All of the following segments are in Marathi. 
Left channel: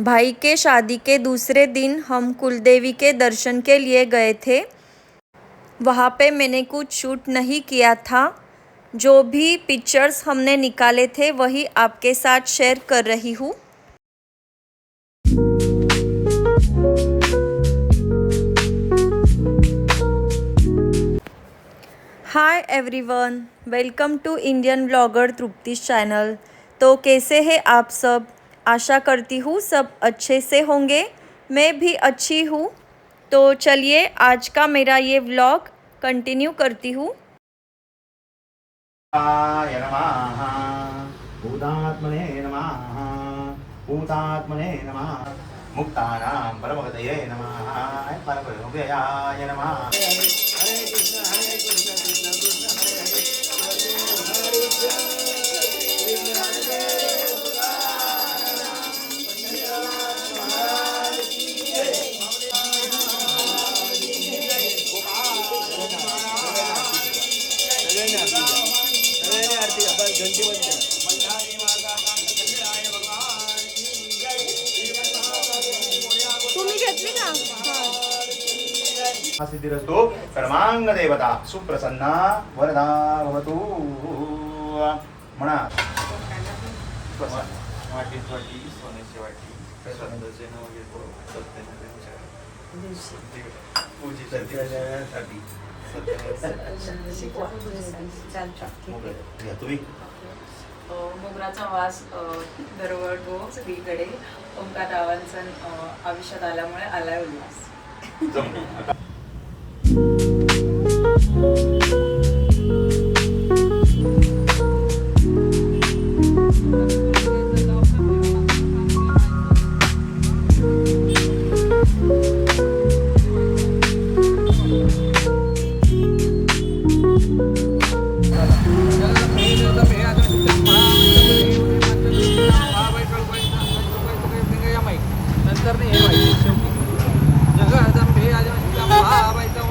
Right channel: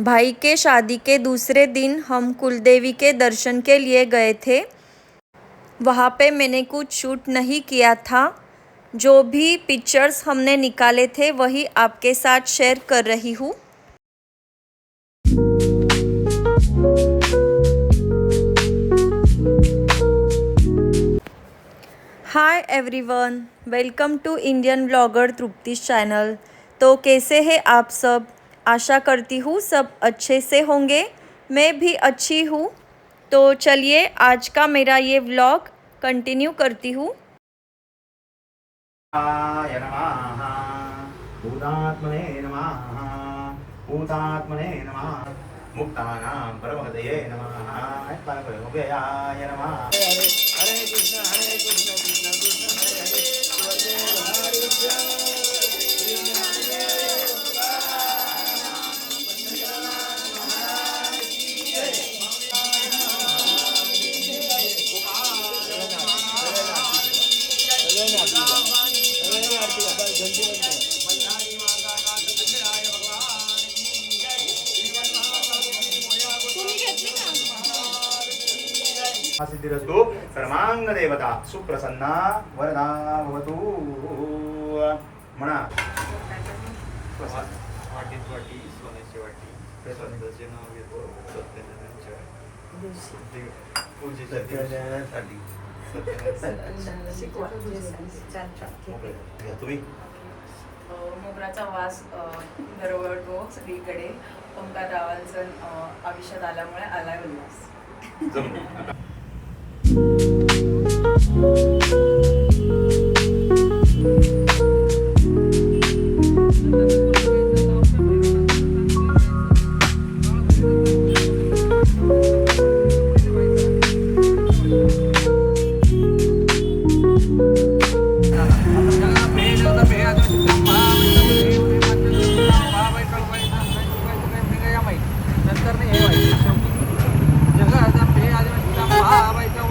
भाई के शादी के दूसरे दिन हम कुलदेवी के दर्शन के लिए गए थे। वहाँ पे मैंने कुछ शूट नहीं किया था। जो भी पिक्चर्स हमने निकाले थे वही आपके साथ शेयर कर रही हूँ। Hi everyone, welcome to Indian blogger Trupti's channel. तो कैसे हैं आप सब? आशा करती हूँ सब अच्छे से होंगे। मैं भी अच्छी हूँ। तो चलिए आज का मेरा ये व्लॉग कंटिन्यू करती हूँ। भूतात्मने नमः भूतात्मने नमः मुक्तानां परमगतये नमः नैत्मानकुलमुखयाय नमः। हरे कृष्ण कृष्ण कृष्ण हरे हरे हरे तुम्ही घेतली का? सिद्धिरस्तु परमांग देवता सुप्रसन्ना वरदा भवतु म्हणा। वाटी सोन्याची वाटी श्रद्धाचे नाव घेतो सत्यनारायणच्या पूजेसाठी तुम्ही मोगराचा वास दरवळतो सगळीकडे. ओंकार रावांचा आयुष्यात आल्यामुळे आलाय उल्हास. नंतर नाही हे व्हायचं शेवटी जगदंबे आदिवासीचा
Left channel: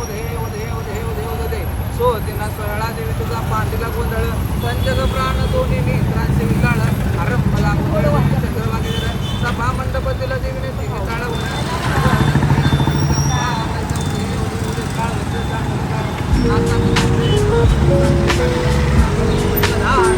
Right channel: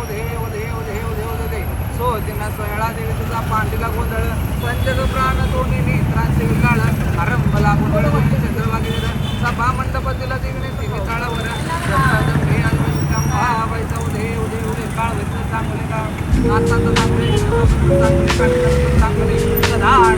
उदे उदे उदे उदे उदे दे सोदिना सोहळा देवी तुझा पांडीला गोंधळ पंचग प्राण दोन्ही नेत्रांचे विल्लाळ आरंभला गोंधळ चंद्रवागी सभा मंडपतीला देवीने तिने काळावर जगदंबे आदिवासीचा महाबाईचा उदे उदे उदे काळ व्हायचं चांगले का नाताचं चांगले धाड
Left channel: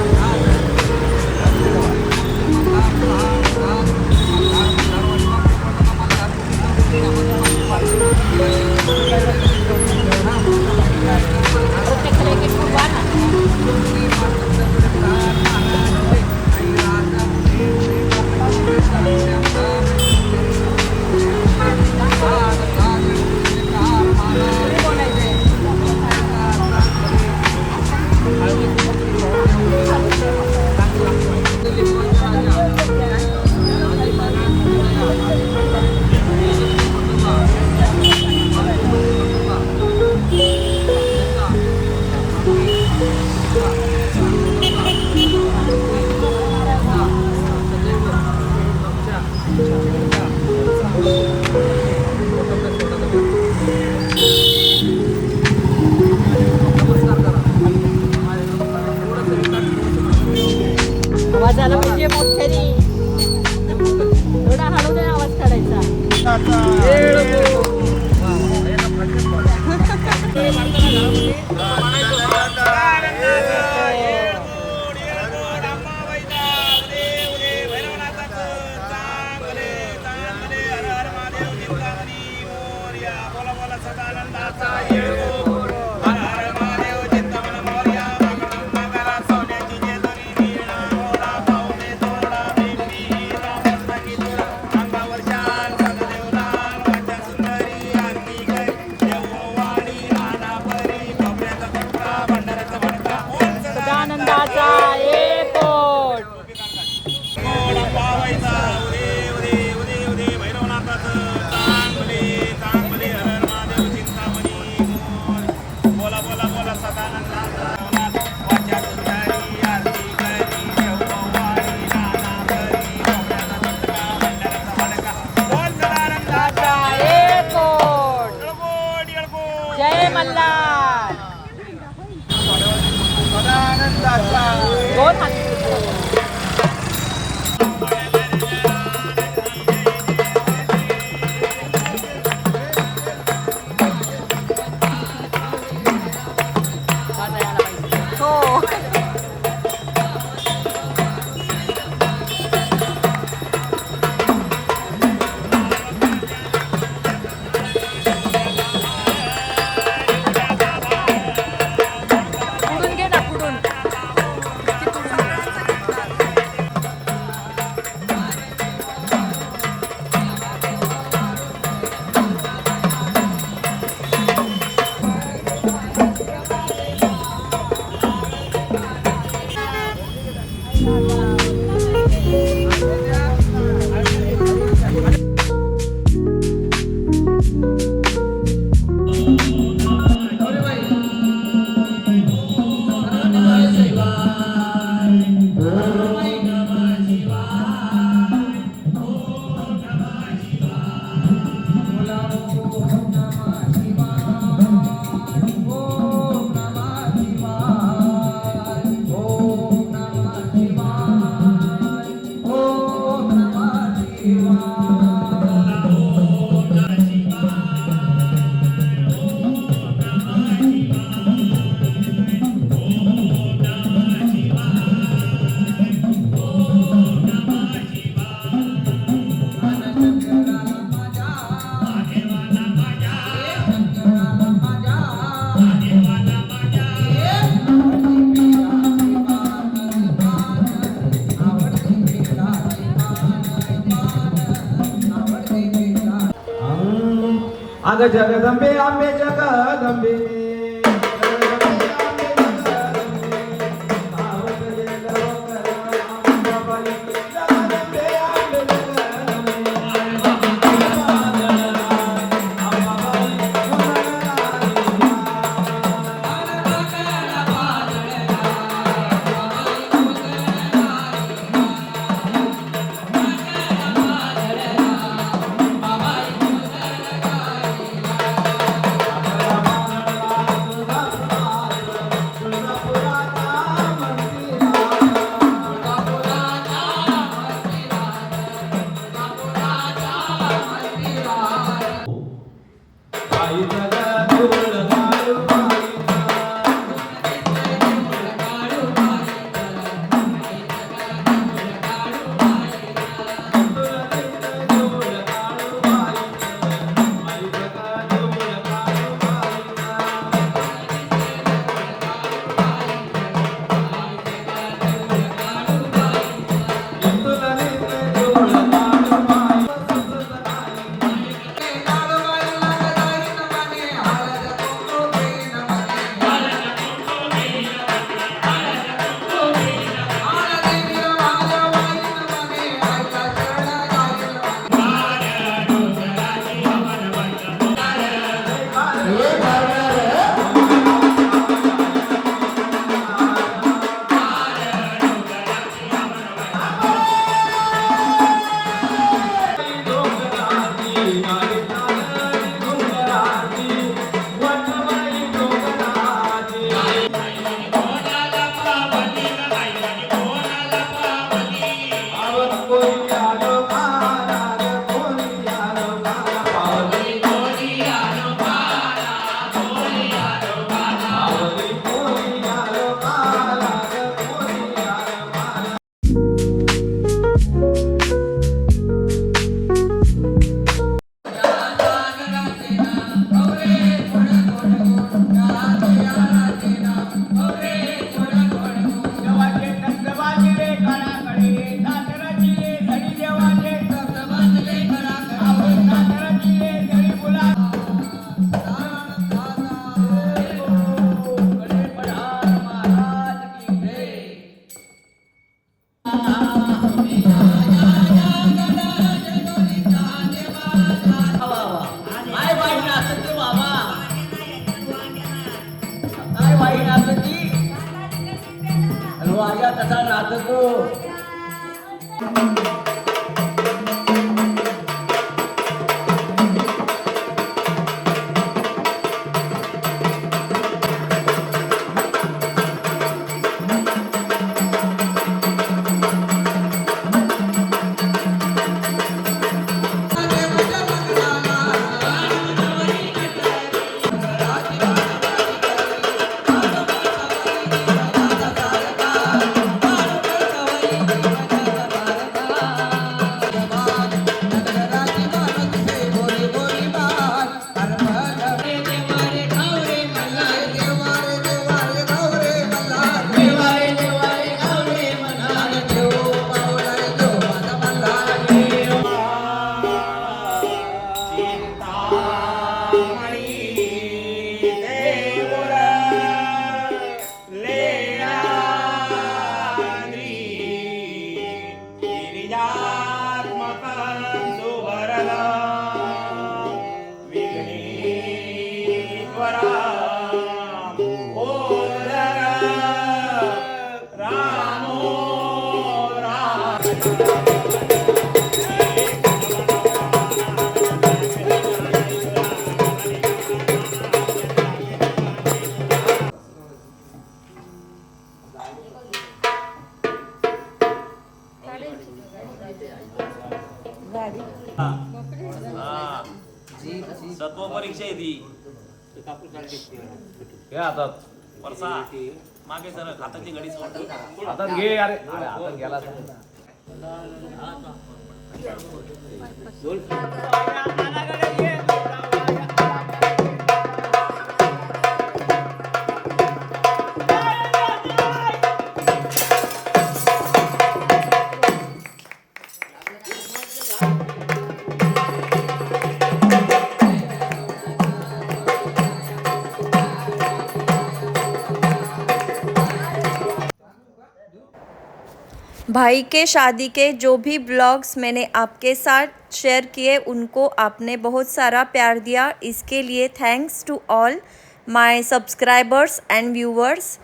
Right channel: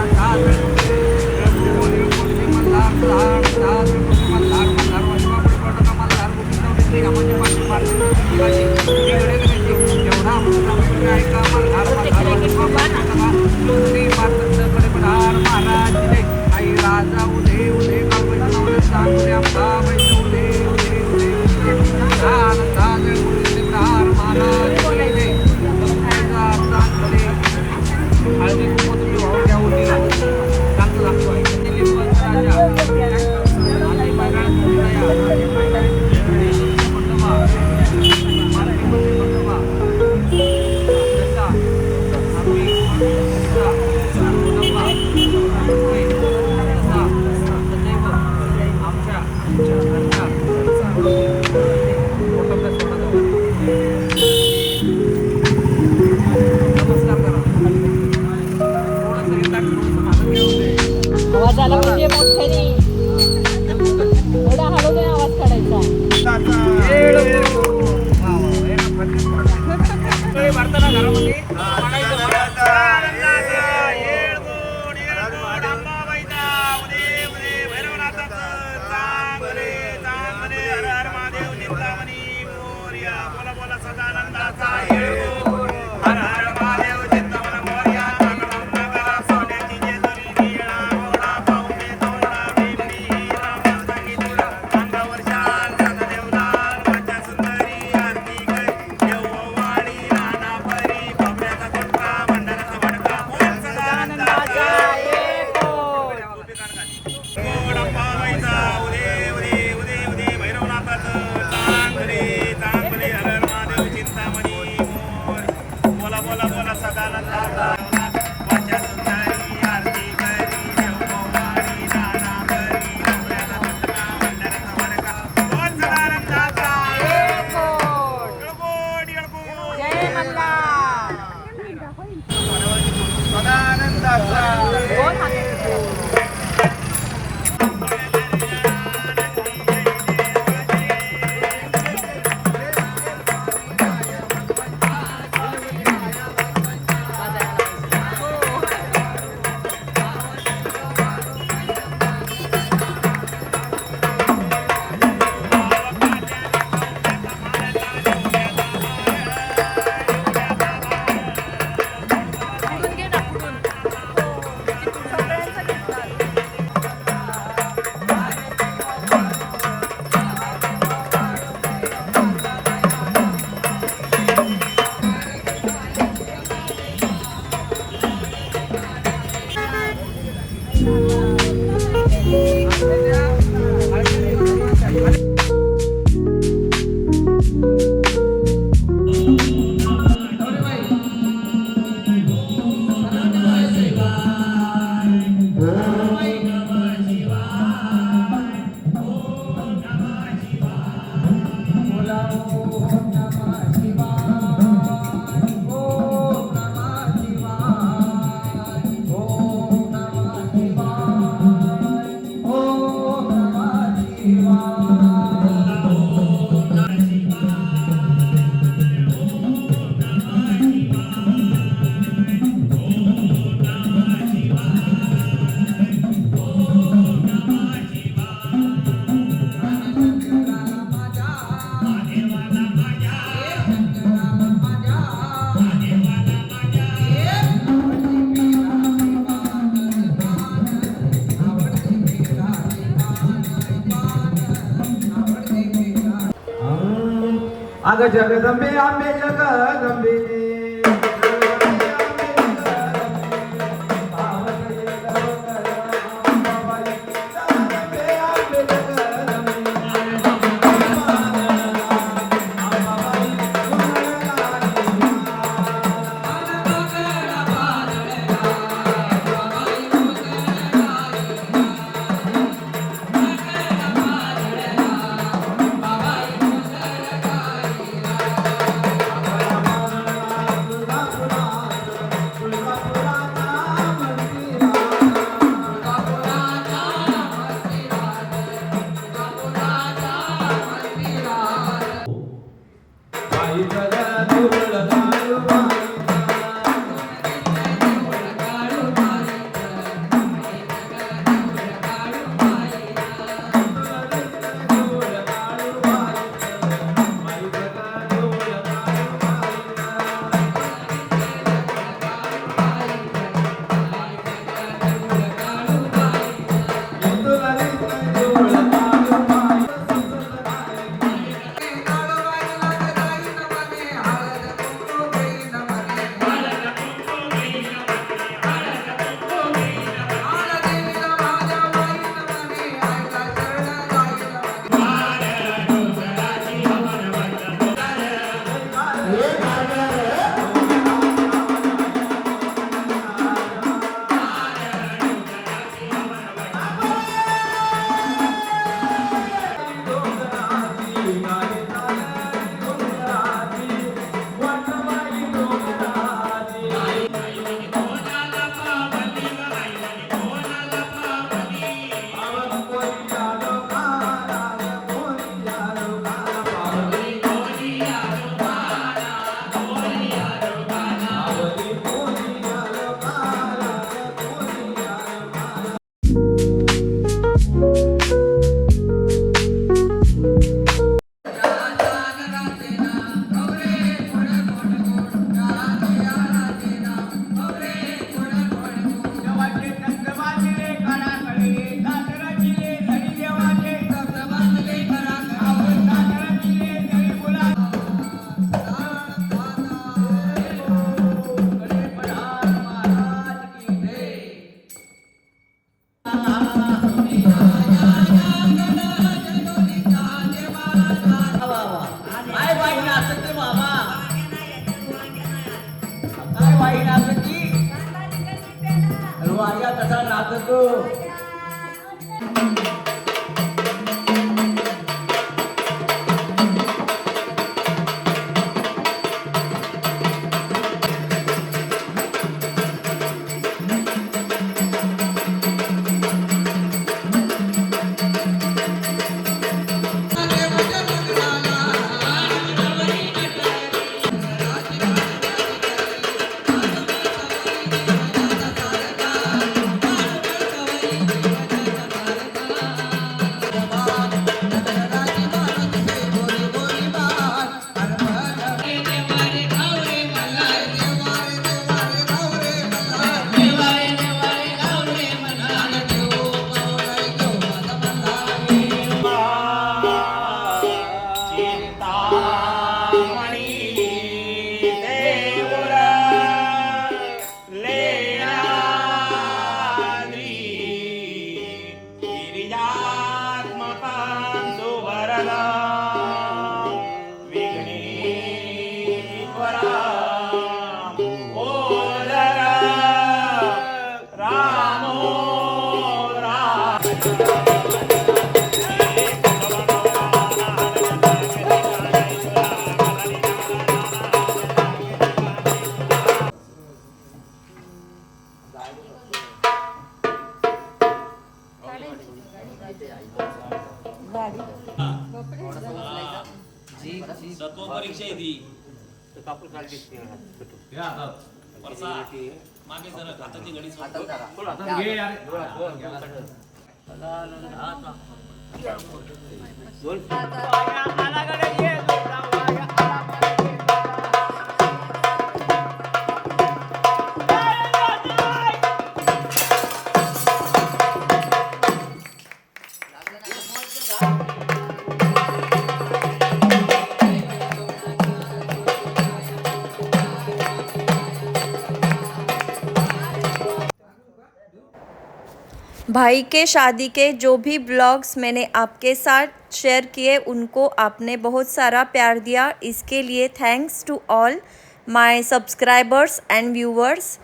अग जगदंबे आंबे जगदंबे सत्व परीक्षा आहे ती हे आता वर्षा मागे जरा हाताची घडी हातात घे अरे हातात गेला भाई के शादी के जो भी ब्लॉग्स मैंने आपके साथ शेयर किए उनको आपने बहुत सारा प्यार दिया, इसके लिए thanks to all my subscribers and viewers.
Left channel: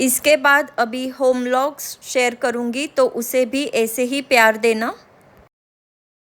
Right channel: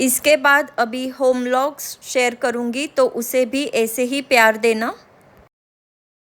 इसके बाद अभी होम व्लॉग्स शेयर करूँगी तो उसे भी ऐसे ही प्यार देना।